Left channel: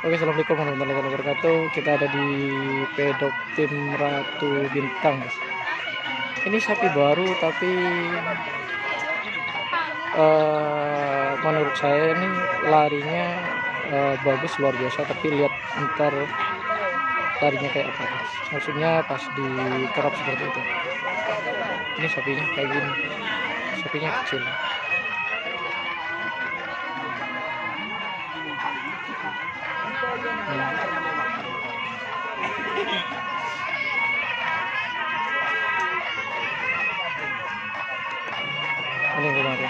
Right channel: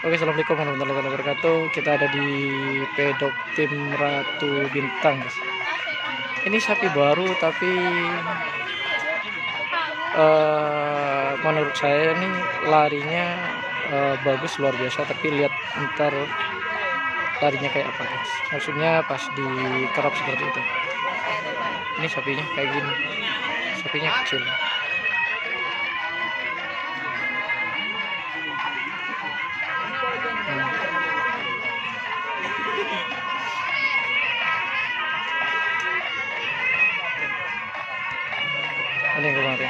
Oke, assalamualaikum warahmatullahi wabarakatuh. Kita ada di pedok tim Ratu Bintang, guys. Ini sapi baru, tapi menurut saya ini larinya bagus, luar biasa. Tapi lihat ntar larinya kayak apa, guys. Maksudnya pas di kerap seperti itu. Ini sapinya kayak gini, sapinya kecil. Ini yang kemarin.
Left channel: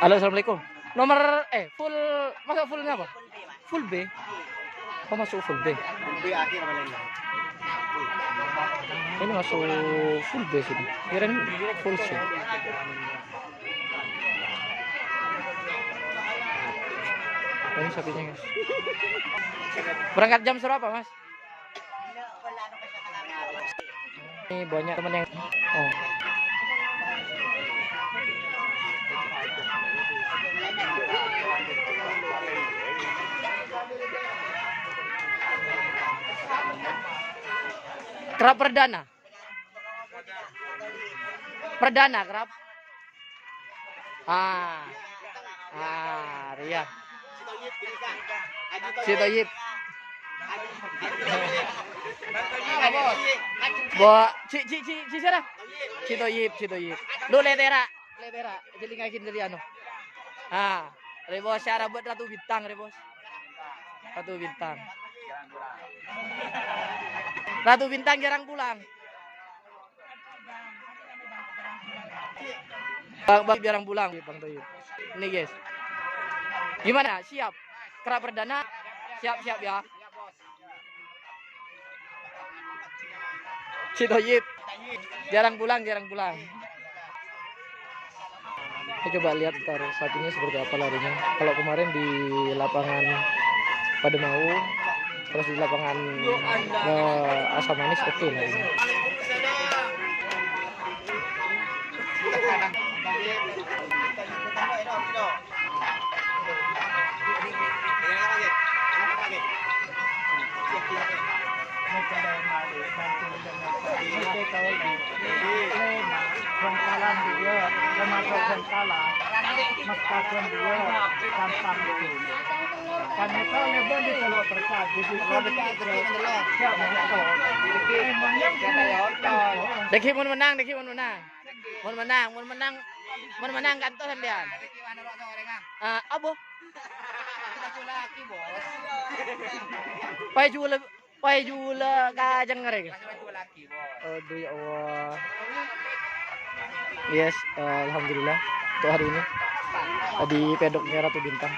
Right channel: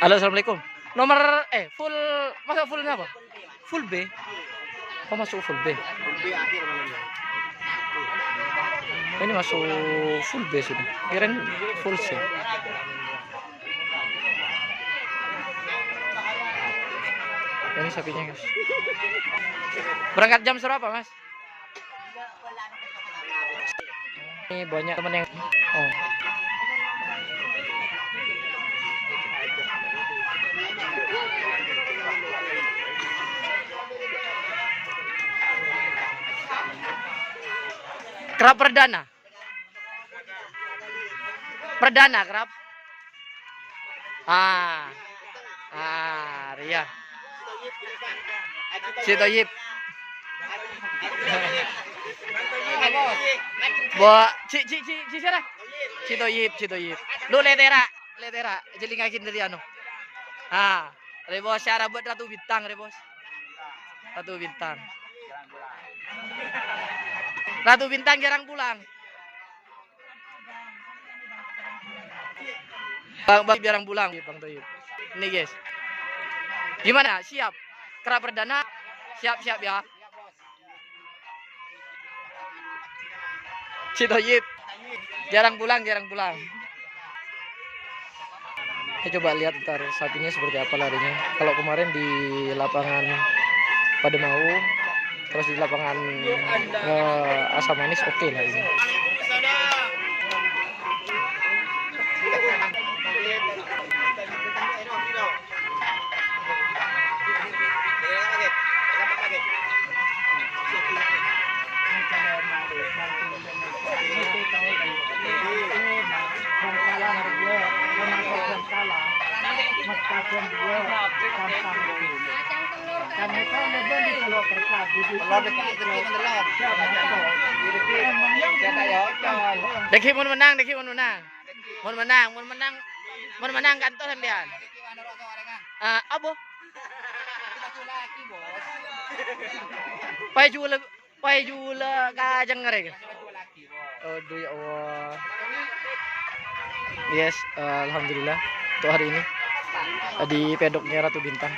Halo, assalamualaikum. Nomor full, masuk fullnya apa? Full B. Oh, masuk full B. Ini masuk full B sudah. Kirain full C. Ini sapinya, guys. Berangkat jam berapa, Mas? Ini banyak teman yang kerap perdana. Perdana kerap. Ria. Si Toyib. Ci sana. Si Toyib. Lu letera. Jelingakin dari anu. Rebos cara buat Ratu Bintang, Rebos. Ratu Bintang. Ratu Bintang jarang pulang. Bang jarang pulang, Bang Toyib. Ini, guys. Gimana? Siap? Kerap perdana? Siap ya. Si Toyib jarang pulang. Kita coba lihat ntar sapinya seperti apa larinya. Kalau kemarin di lapangan Pademau, terus di lapangan Asam Manis, oke larinya. Deki mun menang. Mun menang kantor sampean. Apa? Pai jula kajang ngarek. Aduh ya Allah. Yes, alhamdulillah untuk hari ini di pedoknya Ratu Bintang.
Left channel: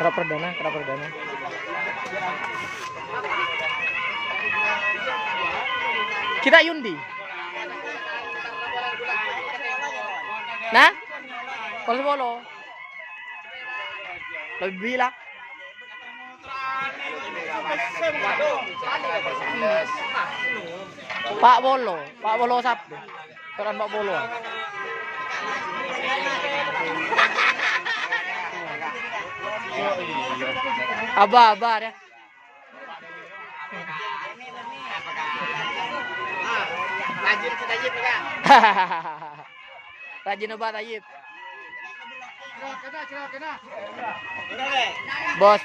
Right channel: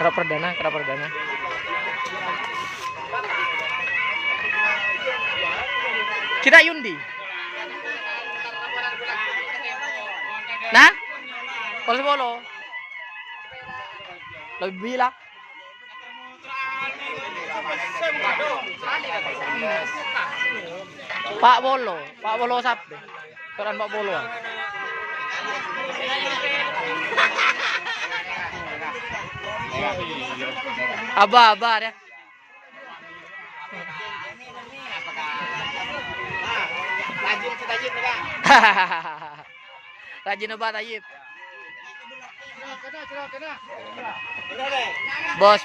Kerap perdana. Kita yundi. Nah, polo. Lebih lah. Pak Bolo sapi. Peran Pak Bolo. Abah ya. Rajin Abah Tayyib. Bos.